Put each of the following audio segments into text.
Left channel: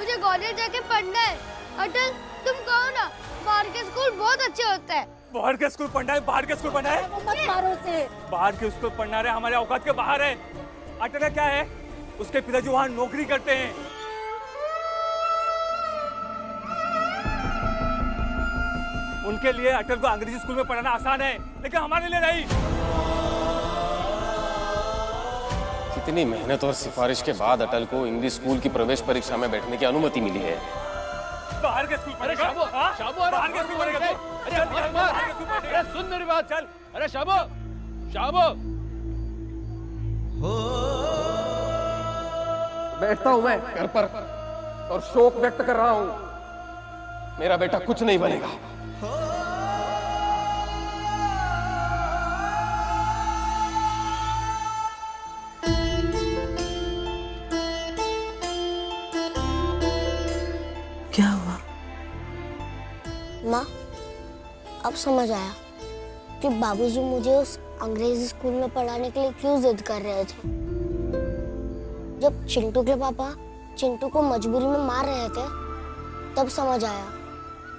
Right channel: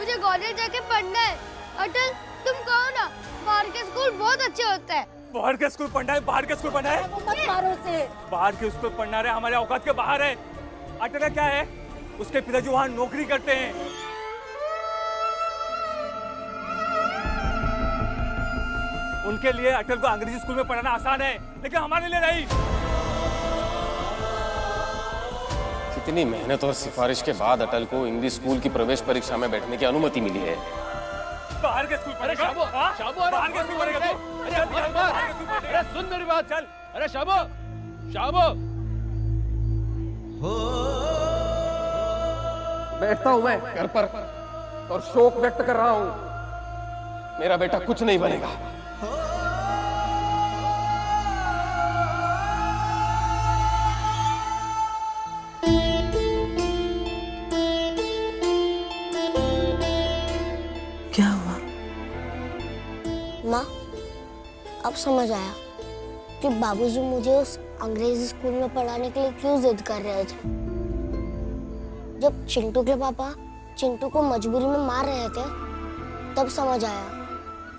मुझे कॉलेज जाके पढ़ना है। अटल तुम कहो ना, बाहर के स्कूल बहुत अच्छे होते हैं। बाहर के स्कूल पढ़ना है, बाहर के स्कूल पढ़ना है, वो मत मारो उसे। बाहर के स्कूल पढ़ना है, हमारे औकात के बाहर है। अटल क्या है, उसके पिताजी वहाँ नौकरी करते हैं। उनके लिए अटल को अंग्रेजी स्कूल में पढ़ाना आसान है, लेकिन हमारे लिए नहीं। कितनी मेहनत और सिफारिश के बाद अटल को इंग्लिश स्कूल की प्रवेश परीक्षा में बैठने की अनुमति मिली है। बाहर के स्कूल पढ़ेगा? शाबो, शाबो, बाहर के स्कूल पढ़ेगा तू? अरे सुन मेरी बात, चल। अरे शाबो, शाबो। बैठता हूं मैं घर पर और शोक व्यक्त कर रहा हूं। मेरा बेटा कुछ नहीं बनेगा। क्या हुआ? माँ, अब समझ आया कि बाबूजी मुझे उस अंग्रेजी स्कूल में पढ़ाने के लिए क्यों जिद कर रहे थे। जब चिंटू के पापा चिंटू को मजबूरी में मार रहे थे, तब समझ आया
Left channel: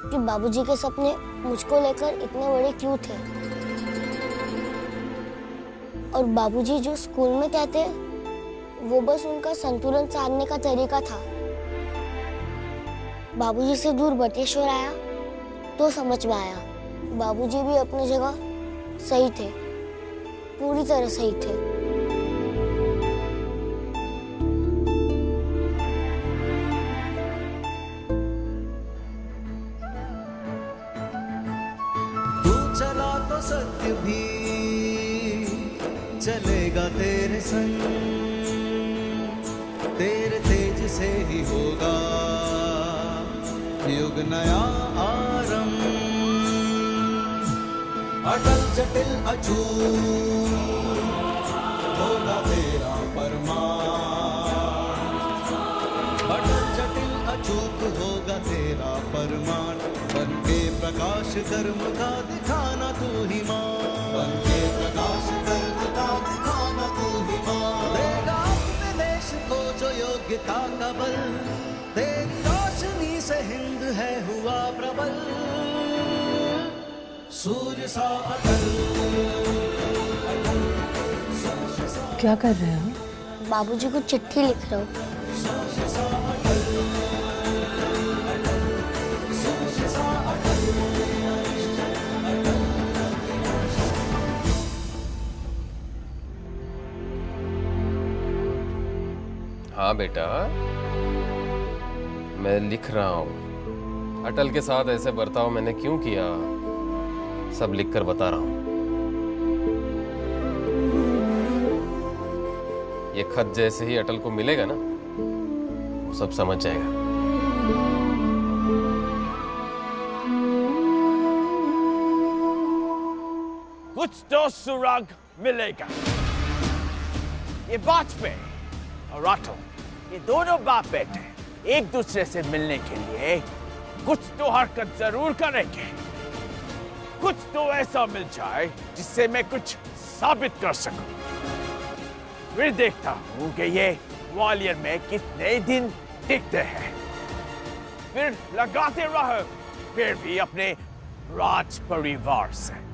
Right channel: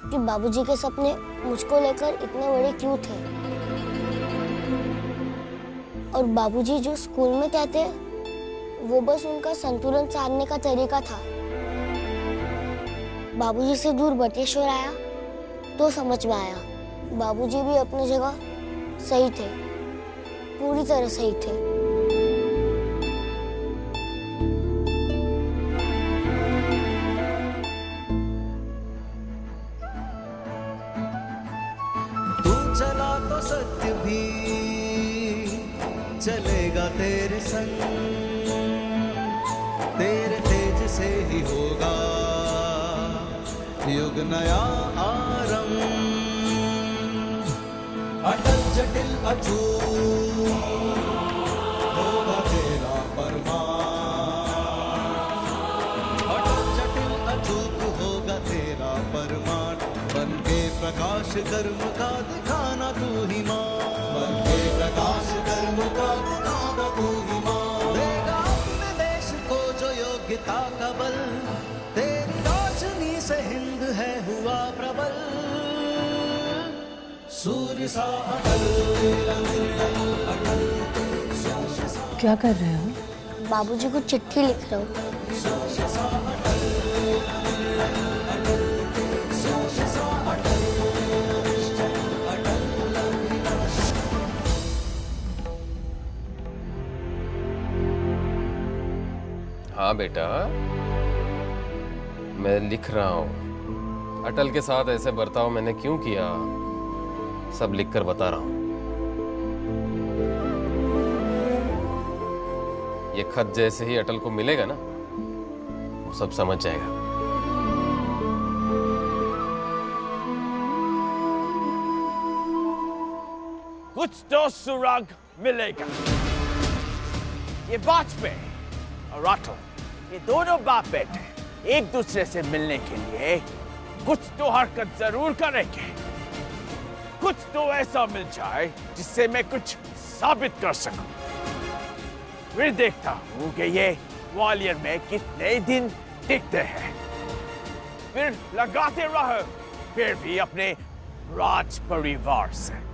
कि बाबूजी के सपने मुझको लेकर इतने बड़े क्यों थे। और बाबूजी जो स्कूल में कहते, वो बस उनका संतुलन साधने का तरीका था। बाबूजी से दूर बटेश्वर आया तो समझ में आया, बाबूजी भी अपनी जगह सही थे, पूरी तरह सही थे। तू चला तो सत्य भी चलेगा तेरे संग, तेरे तेज से ही होगा युग नया आरंभ। अटल जटिल अछूत होगा तेरा परमार्थ, अटल जटिल अचूक होगा तेरा परमार्थ। बन के प्रकाश कर्म का दिखाना तू ही माँ, बन के प्रकाश कर्म का दिखाना तू ही माँ। देगा अपने देश को जो योग्यता का बल, तेरी रोशनी से हिंद है हुआ प्रबल। सूर्य सा अटल, क्या कर रहे हो? बाबूजी को चिट्ठी लिख रहा हूँ। सूर्य सा अटल, सूर्य सा अटल, हाँ बेटा, मैं लिख रहा हूं। अटल के साथ ऐसे बर्ताव मैंने क्यों किया, सब लिखकर बता रहा हूं। ये खत जैसे ही अटल को मिलेगा ना, वो सब समझ जाएगा। कुछ तो सुराग मिलेगा। ये वाजपेयी और अटल, ये दोनों बाप बेटे एक दूसरे से मिलने के लिए कुछ तो हरकत जरूर करेंगे। कुछ तो ऐसा मिल जाए जिससे मैं कुछ साबित कर सकूं। फिर देखता हूं कि ये ग्वालियर में कितने दिन टिकते हैं। फिर लगाते रहो, फिर भी अपने राज परिवार से।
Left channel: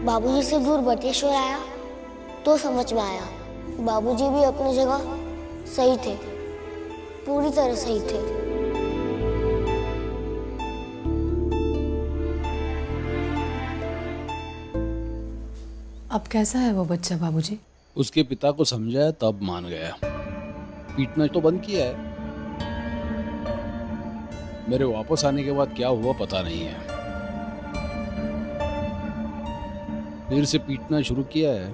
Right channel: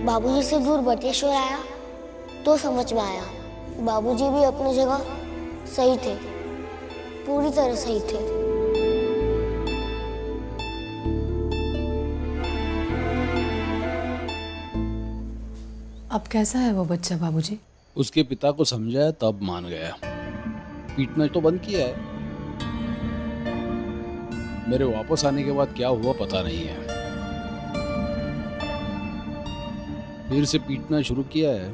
बाबूजी से दूर बटेश्वर आया तो समझ में आया, बाबूजी भी अपनी जगह सही थे, पूरी तरह सही थे। अब कैसा है वो बच्चा बाबूजी? उसके पिता को समझाया तब मान गया। पीटना तो बंद किया है। मेरे वापस आने के बाद क्या हुआ पता नहीं है। फिर से पीटना शुरू किया है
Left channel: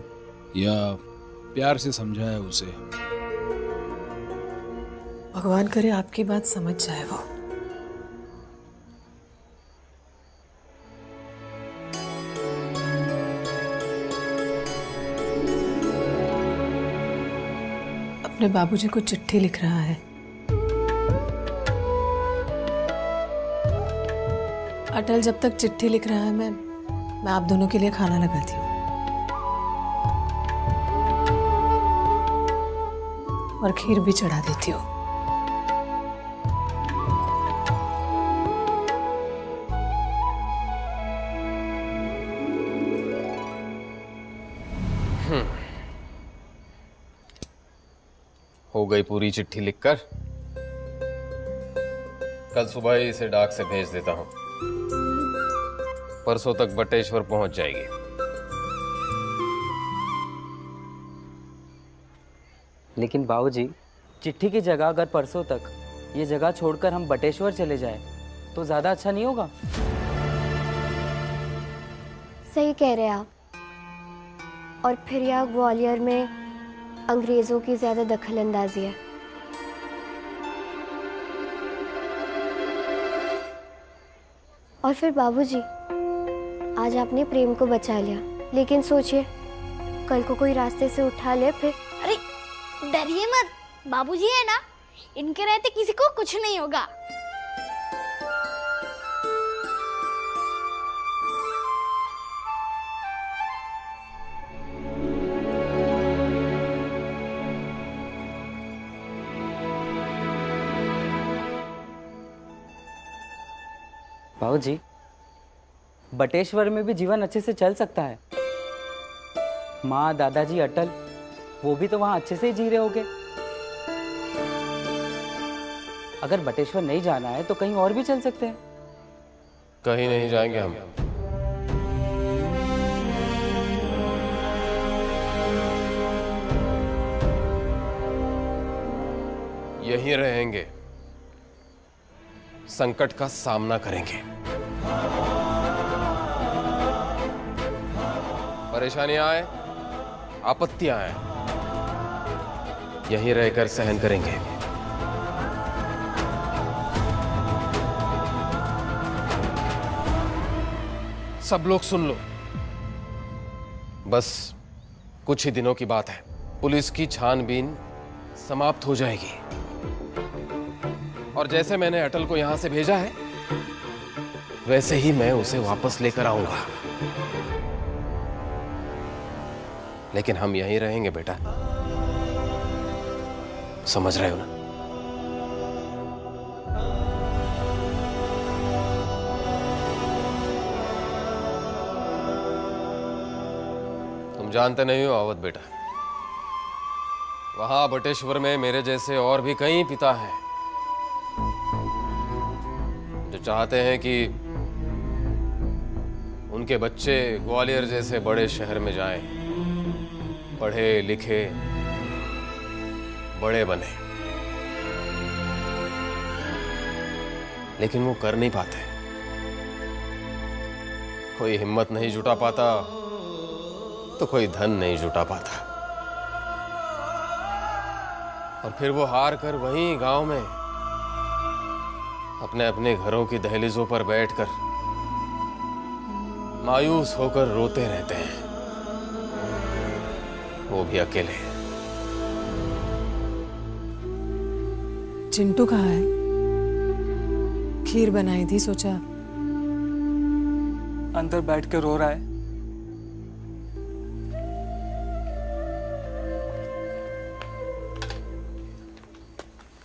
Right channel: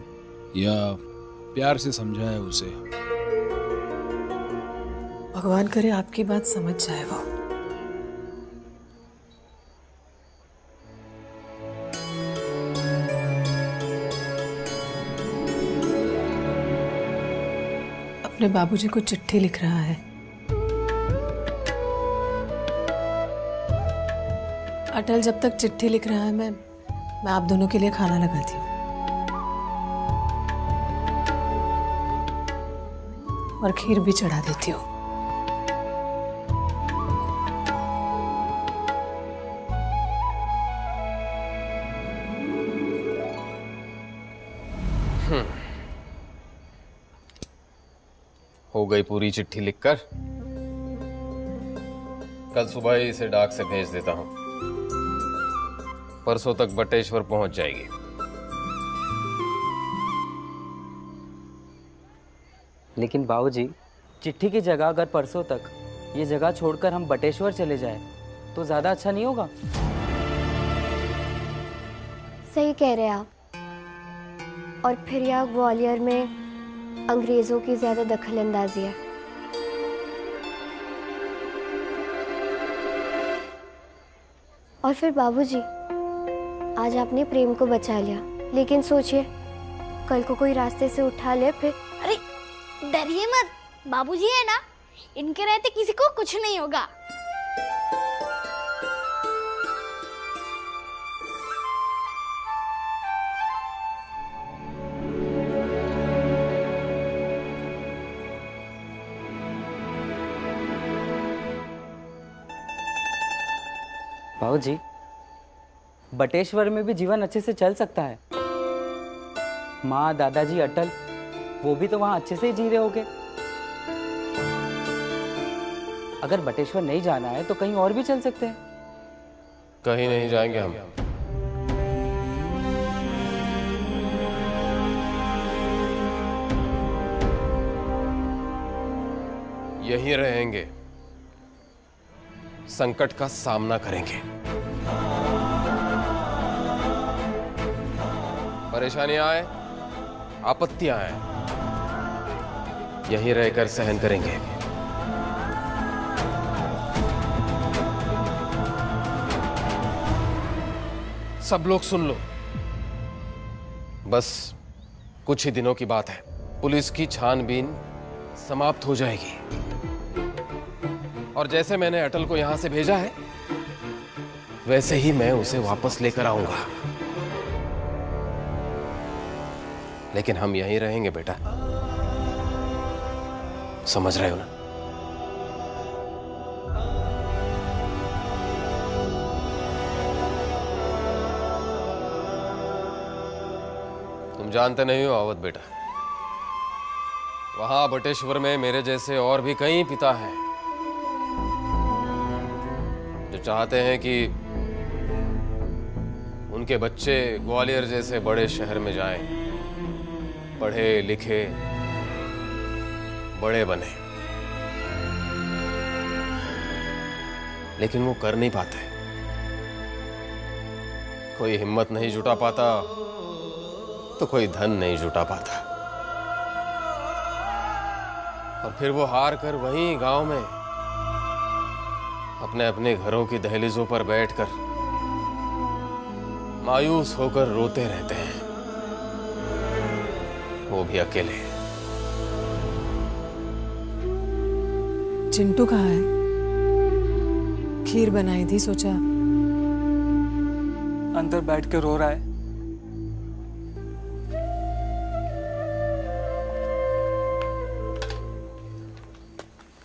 या प्यार से समझाया उसे। भगवान करे आपकी बात समझ जाए वो। अपने बाबूजी को चिट्ठी लिख रहा है। अटल जब तक चिट्ठी लिख रहा है मैं आप दोनों के लिए खाना लगाती हूँ और खीर भी चढ़ा देती हूँ। हो गई पूरी चिट्ठी लिखकर। कल सुबह ही इसे डाक से भेज देता हूं। परसों तक बटेश्वर पहुंच जाएगी। लेकिन बाबूजी, चिट्ठी की जगह अगर परसों तक ये जगह छोड़कर हम बटेश्वर चले जाए तो ज्यादा अच्छा नहीं होगा? सही कह रहे आप। और फिर यहाँ ग्वालियर में अंग्रेजों की ज्यादा दखल अंदाजी है। और फिर बाबूजी, आज आपने प्रेम को बचा लिया, लेकिन सोचिए कल को कोई रास्ते से उठा ले फिर। अरे डरिए मत, बाबूजी है ना, इनके रहते किसी को कुछ नहीं होगा। बाबूजी, बटेश्वर में भी जीवन अच्छे से चल सकता है। माँ, दादाजी, अटल, वो भी तो वहां अच्छे से ही जी रहे होंगे। अगर बटेश्वर नहीं जाना है तो कहीं और भी चल सकते हैं। कहीं नहीं जाएंगे हम। यहीं रहेंगे, संकट का सामना करेंगे। परेशानियां आए, आपत्तियां आए, यहीं रहकर सहन करेंगे। सब लोग सुन लो, बस कुछ ही दिनों की बात है। पुलिस की छानबीन समाप्त हो जाएगी और जैसे मैंने अटल को यहां से भेजा है वैसे ही मैं उसे वापस लेकर आऊंगा। लेकिन हम यहीं रहेंगे बेटा, समझ रहे हो ना? तुम जानते नहीं हो अवध बेटा, वहां बटेश्वर में मेरे जैसे और भी कई पिता हैं जो चाहते हैं कि उनके बच्चे ग्वालियर जैसे बड़े शहर में जाएं, पढ़े लिखे बड़े बने, लेकिन वो कर नहीं पाते। कोई हिम्मत नहीं जुटा पाता तो कोई धन नहीं जुटा पाता, और फिर वो हार कर वहीं गांव में अपने अपने घरों की दहलीजों पर बैठकर मायूस होकर रोते रहते हैं, वो भी अकेले। चिंटू कहाँ है? खीर बनाई थी, सोचा अंदर बैठ कर रो रहा है।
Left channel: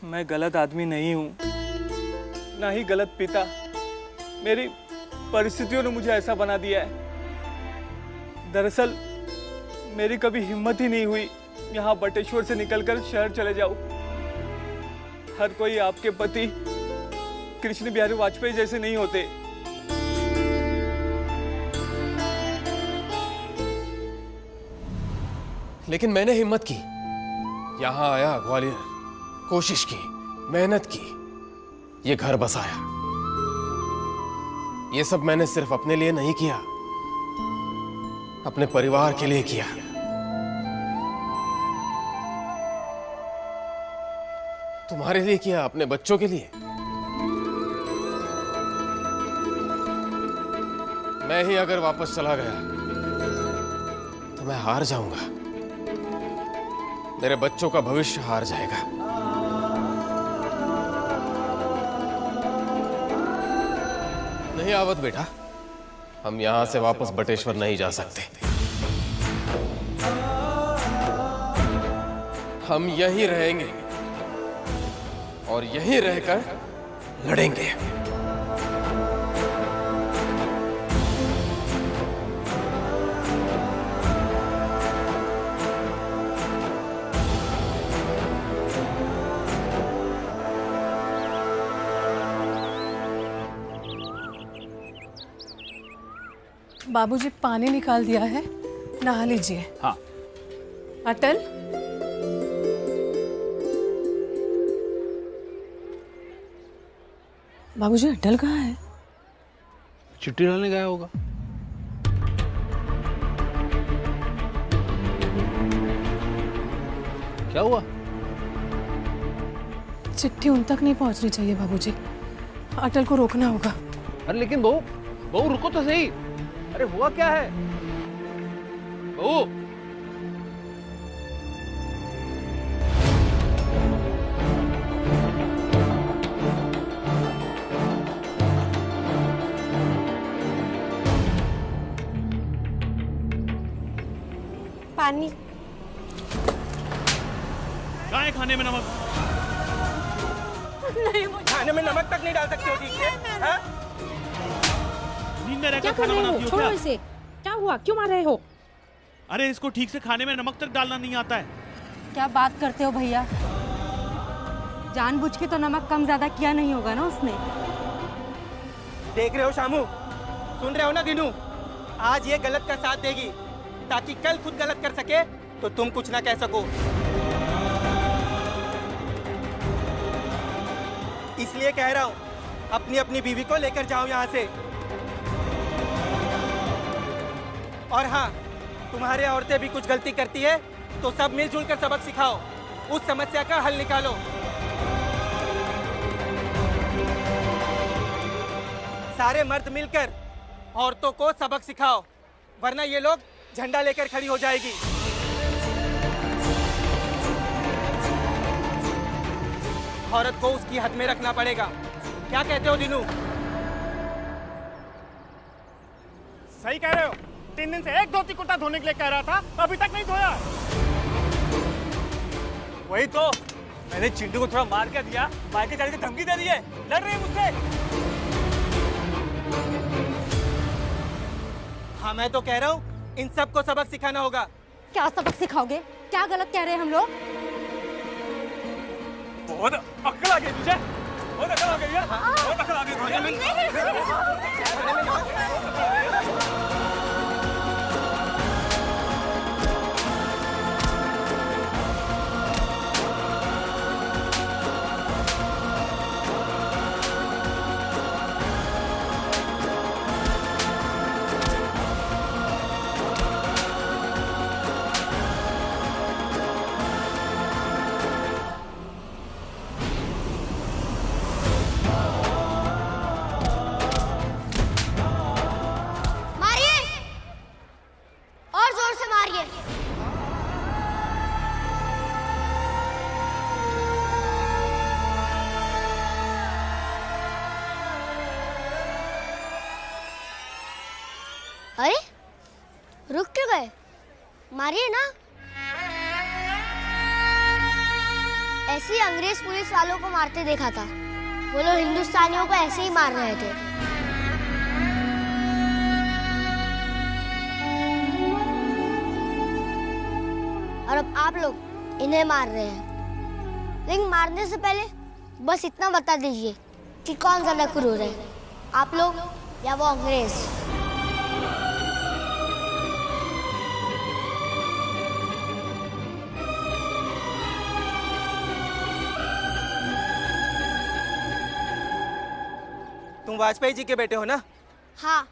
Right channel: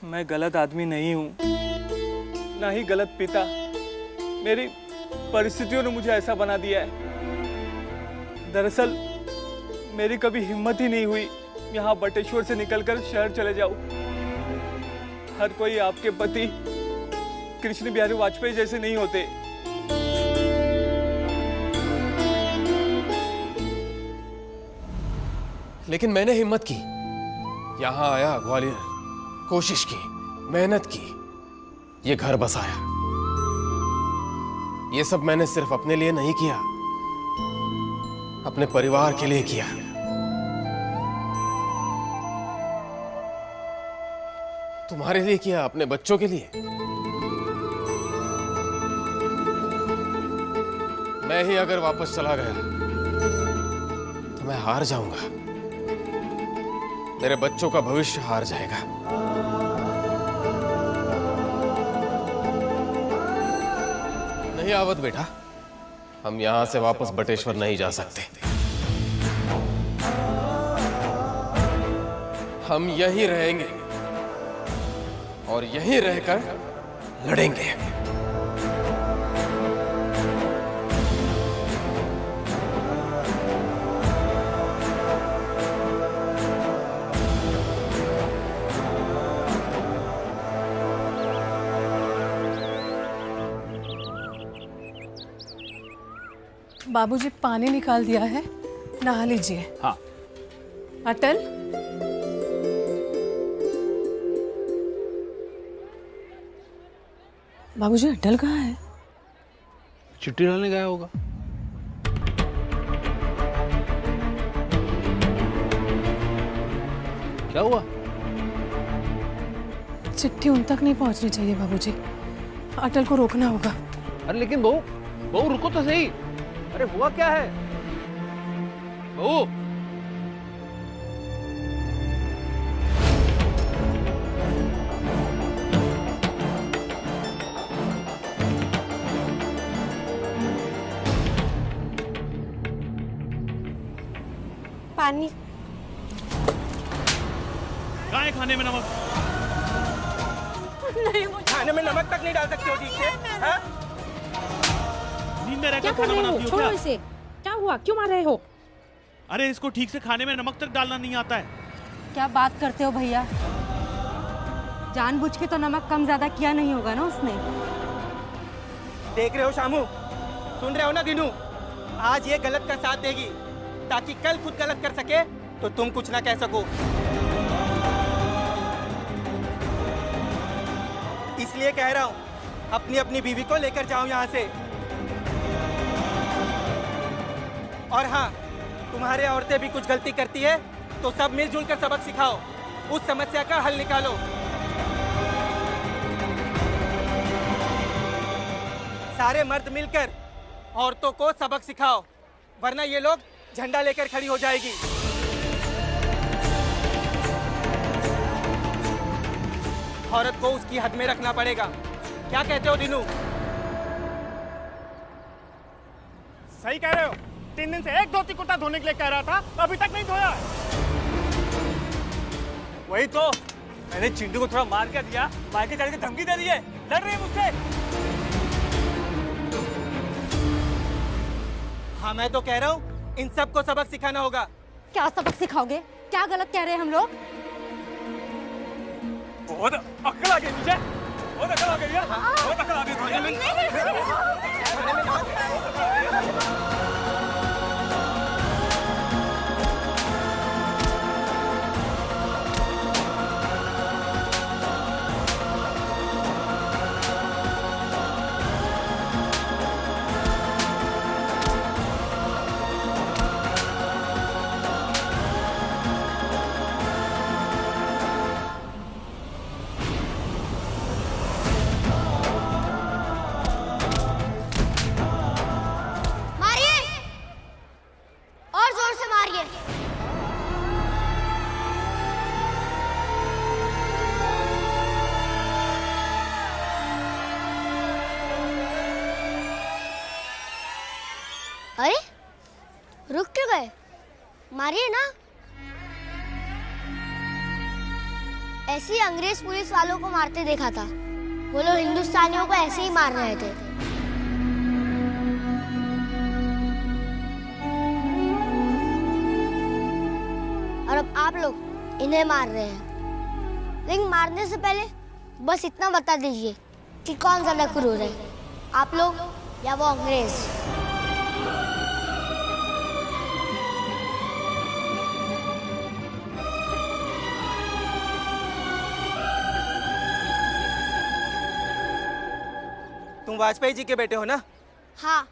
मैं गलत आदमी नहीं हूं, ना ही गलत पिता। मेरी परिस्थितियों ने मुझे ऐसा बना दिया है। दरअसल मेरी कभी हिम्मत ही नहीं हुई यहाँ बटेश्वर से निकलकर शहर चले जाऊं। हर कोई आपके पति कृष्ण बिहारी वाजपेयी जैसे नहीं होते। लेकिन मैंने हिम्मत की, यहां आया, ग्वालियर, कोशिश की, मेहनत की, ये घर बसाया। ये सब मैंने सिर्फ अपने लिए नहीं किया, अपने परिवार के लिए किया। तुम्हारे लिए किया, अपने बच्चों के लिए। मैं ही अगर वापस चला गया तो मैं हार जाऊंगा, मेरे बच्चों का भविष्य हार जाएगा। नहीं आवत बेटा, हम यहां से वापस बटेश्वर नहीं जा सकते। हम यहीं रहेंगे और यहीं रहकर लड़ेंगे। बाबूजी पानी निकाल दिया है, नहा लीजिए। हाँ। अटल, बाबूजी अटल कहाँ है? चिट्ठी डालने गया होगा। क्या हुआ? चिट्ठी उन तक नहीं पहुंचनी चाहिए बाबूजी, अटल को रोकना होगा। अरे लेकिन बहू, बहू रुको तो सही। अरे हुआ क्या है बहू? पानी। कहाँ है खाने में नमक? नहीं, मुझे खाने में नमक तक नहीं डाल सकते हो ठीक से? नींद में रहकर खाना बनाती हो क्या? छोड़ो इसे। क्या हुआ, क्यों मार रहे हो? अरे इसको ठीक से खाने में नमक तक डालना नहीं आता है। क्या बात करते हो भैया, जानबूझ के तो नमक कम ज्यादा किया नहीं होगा ना उसने। देख रहे हो शामू, सुन रहे हो ना दिनू, आज ये गलत का साथ देगी ताकि कल खुद गलत कर सके तो तुम कुछ ना कह सको। इसलिए कह रहा हूँ, अपनी अपनी बीवी को लेकर जाओ यहाँ से। और हाँ, तुम्हारे औरतें भी कुछ गलती करती है तो सब मिलजुल कर सबक सिखाओ, उस समस्या का हल निकालो। सारे मर्द मिलकर औरतों को सबक सिखाओ, वरना ये लोग झंडा लेकर खड़ी हो जाएगी। औरत को उसकी हद में रखना पड़ेगा। क्या कहते हो दिनू? सही कह रहे हो। 3 दिन से एक धोती कुर्ता धोने के लिए कह रहा था, अभी तक नहीं धोया। वही तो, मैंने चिंटू को थोड़ा मार कर दिया, मार के जाने की धमकी दे रही है, लड़ रही है मुझसे। हाँ मैं तो कह रहा हूँ, इन सबको सबक सिखाना होगा। क्या सबक सिखाओगे? क्या गलत कह रहे हैं हम लोग? बहुत अक्ल आ गई तुझे, बहुत अक्ल आ गई है, बहुत अक्ल आ गई तुझे। अरे रुक क्यों गए? मारिए ना। ऐसे ही अंग्रेज पुलिस वालों को मारते देखा था, वो लोग हिंदुस्तानियों को ऐसे ही मार रहे थे। और अब आप लोग इन्हें मार रहे हैं। लेकिन मारने से पहले बस इतना बता दीजिए कि कौन ज्यादा क्रूर है, आप लोग या वो अंग्रेज? तुम वाजपेयी जी के बेटे हो ना? हाँ।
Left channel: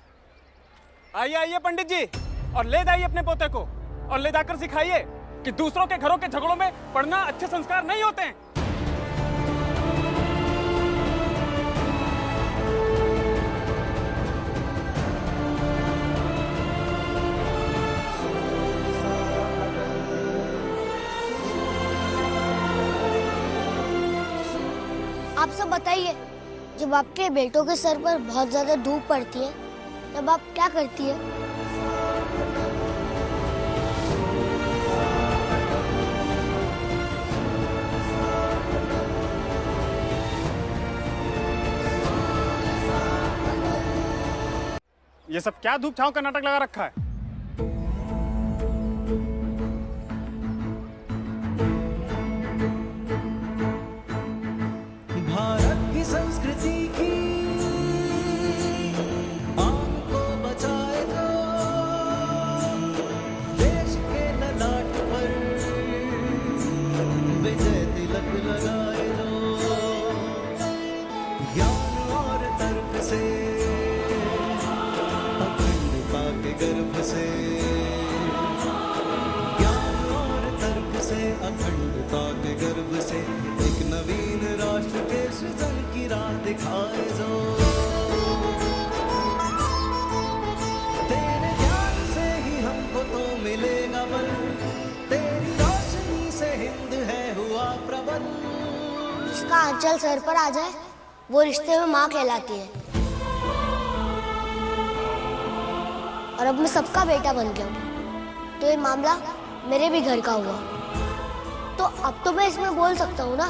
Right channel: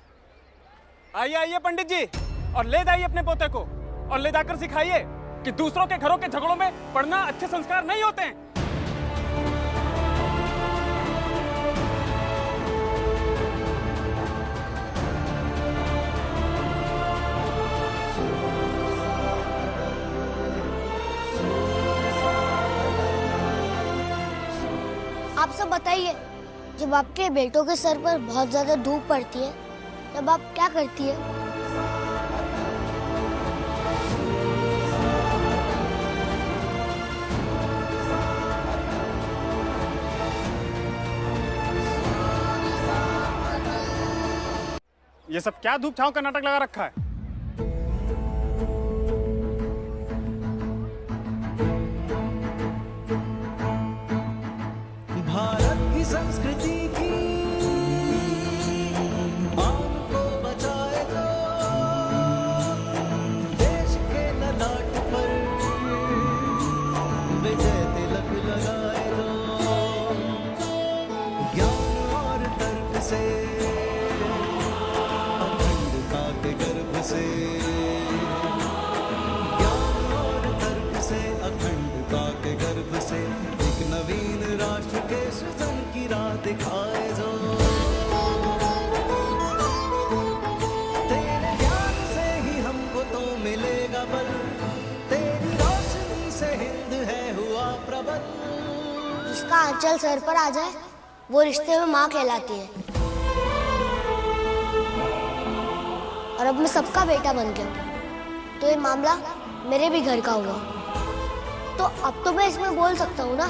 आइए आइए पंडित जी, और ले जाइए अपने पोते को, और ले जाकर सिखाइए कि दूसरों के घरों के झगड़ों में पढ़ना अच्छे संस्कार नहीं होते हैं। आप सब बताइए, जब आपके बेटों के सर पर बहुत ज्यादा धूप पड़ती है तब आप क्या करती है? ये सब क्या धूप छांव का नाटक लगा रखा है? भारत की संस्कृति की आन को बचाए जो, देश के ललाट पर विजय तिलक लगाए जो, ज्ञान और तर्क से अखंडता के गर्भ से, ज्ञान और तर्क से अखंडता के गर्भ से एक नवीन राष्ट्र के सृजन की राह दिखाए जो, तेरे ज्ञान से ही हमको तो मिलेगा बल, तेरी रोशनी से हिंद है हुआ प्रबल। जिसका आंचल सर पर आ जाए वो रिश्ते में माँ कहलाती है। और अब मैं सबका बेटा बन गया हूँ, तो ये मामला मेरे भी घर का हुआ, तो अब तो मैं इसमें बोल सकता हूँ ना।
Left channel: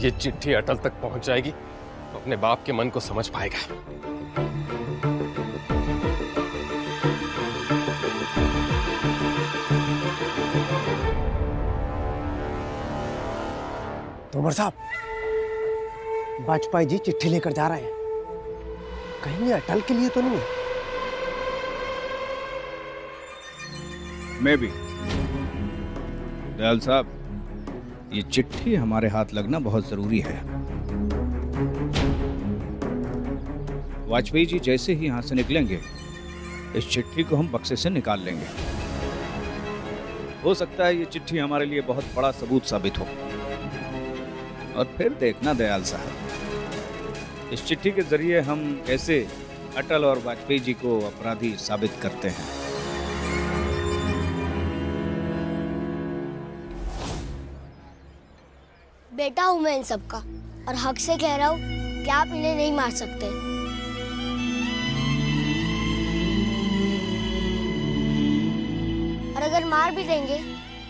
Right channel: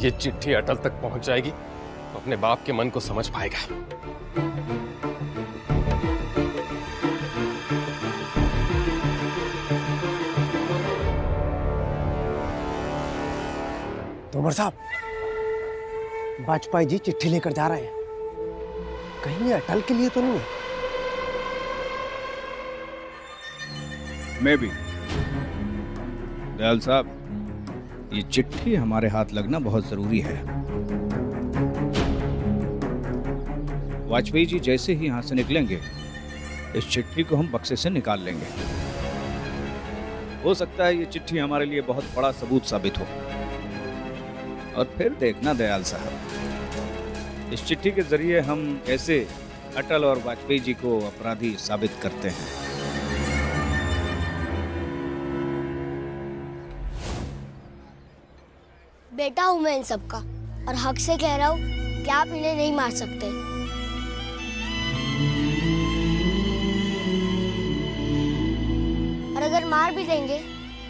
ये चिट्ठी अटल तक पहुंच जाएगी तो अपने बाप के मन को समझ पाएगा। तोमर साहब, वाजपेयी जी चिट्ठी लेकर जा रहे हैं, कहीं ये अटल के लिए तो नहीं है? मैं भी। दयाल साहब, ये चिट्ठी हमारे हाथ लगना बहुत जरूरी है। वाजपेयी जी जैसे ही यहां से निकलेंगे, इस चिट्ठी को हम बक्से से निकाल लेंगे। हो सकता है ये चिट्ठी हमारे लिए बहुत बड़ा सबूत साबित हो। और फिर देखना दयाल साहब, इस चिट्ठी के जरिए हम कैसे अटल और वाजपेयी जी को अपराधी साबित करते हैं। बेटा हूं मैं इन सबका, और हक से कह रहा हूं कि आप इन्हें नहीं मार सकते। और अगर मार भी देंगे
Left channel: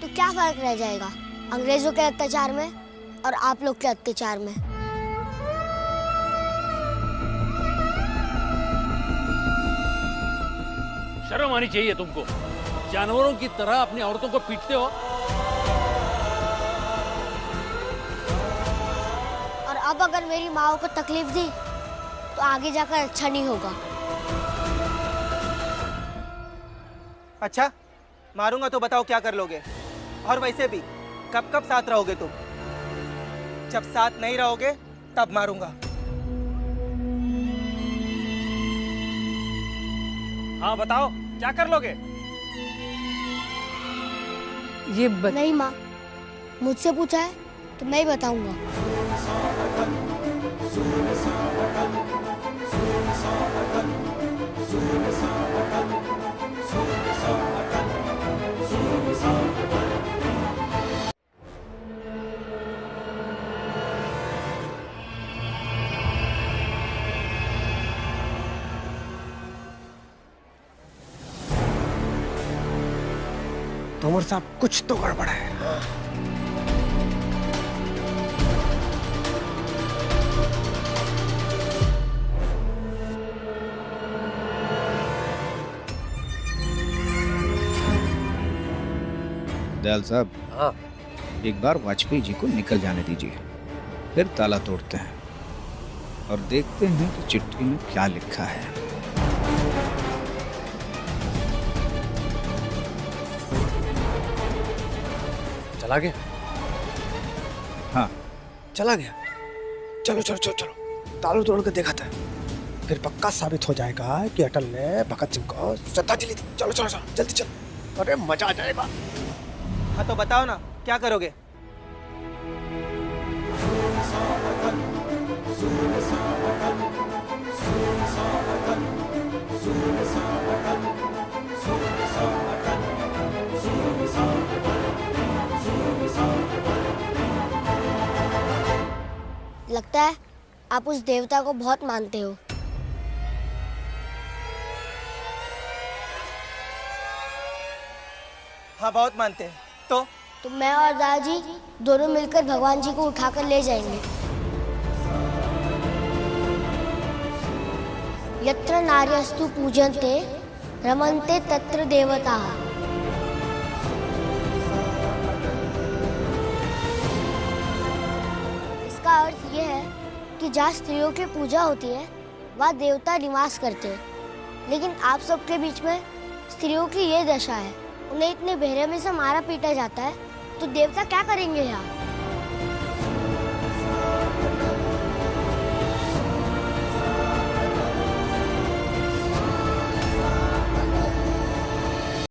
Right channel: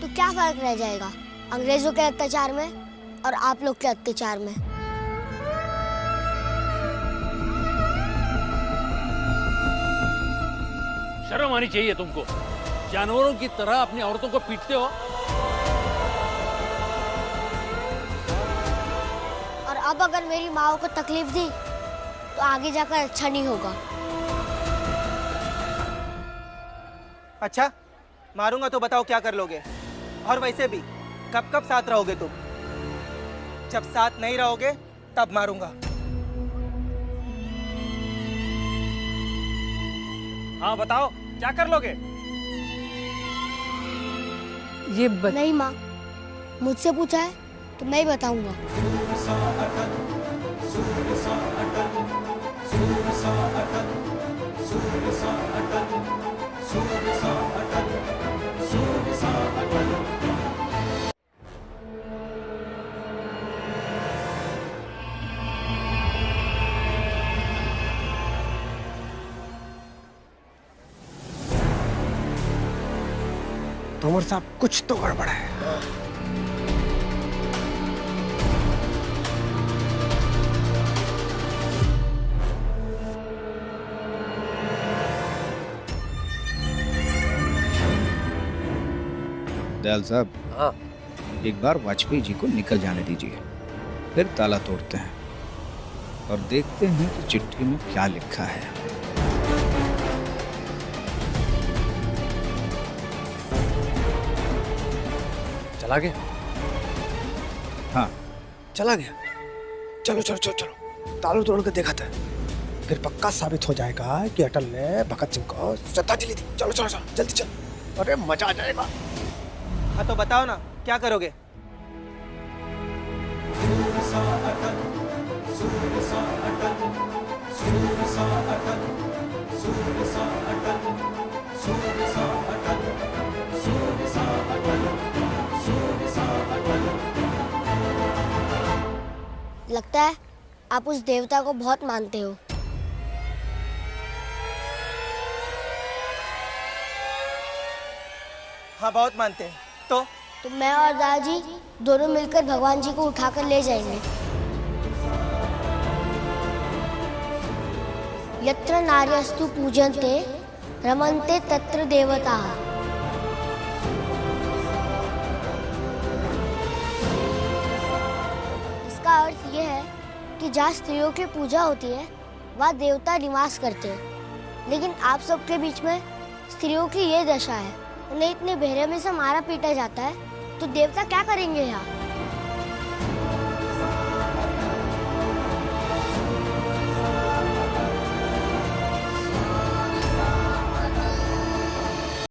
तो क्या फर्क रह जाएगा अंग्रेजों के अत्याचार में और आप लोग के अत्याचार में। शर्म आनी चाहिए तुमको, जानवरों की तरह अपनी औरतों को पीटते हो। और अब अगर मेरी माँ को तकलीफ दी तो आगे जाकर अच्छा नहीं होगा। अच्छा, मारूंगा तो बताओ क्या कर लोगे? और वैसे भी कब कब साथ रहोगे तुम? जब साथ नहीं रहोगे तब मारूंगा। हाँ बताओ, क्या कर लोगे? नहीं माँ, मुझसे पूछा है तो मैं ही बताऊंगा। तोमर साहब, कुछ तो गड़बड़ है। दयाल साहब, हाँ, एक बार वाजपेयी जी को निकल जाने दीजिए, फिर ताला तोड़ते हैं और देखते हैं कि चिट्ठी में क्या लिखा है। चला गया? हाँ, चला गया। चलो चलो चलो चलो, ताला तोड़ कर देखा था, फिर पक्का साबित हो जाएगा कि अटल ने भगत सिंह को श्रद्धांजलि दी। चलो चलो चलो, जल्दी चलो, अरे मजा आ जाएगा। हाँ तो बताओ ना, क्या करोगे? लगता है आप उस देवता को बहुत मानते हो। हाँ बहुत मानते हैं। तो मैं और दादाजी दोनों मिलकर भगवान जी को उठाकर ले जाएंगे। यत्र नार्यस्तु पूजन्ते रमन्ते तत्र देवता। इसका अर्थ यह है कि जहाँ स्त्रियों की पूजा होती है वहाँ देवता निवास करते हैं, लेकिन आप सबके बीच में स्त्रियों की ये दशा है। उन्हें इतने बेरहमी से मारा पीटा जाता है तो देवता क्या करेंगे यहाँ?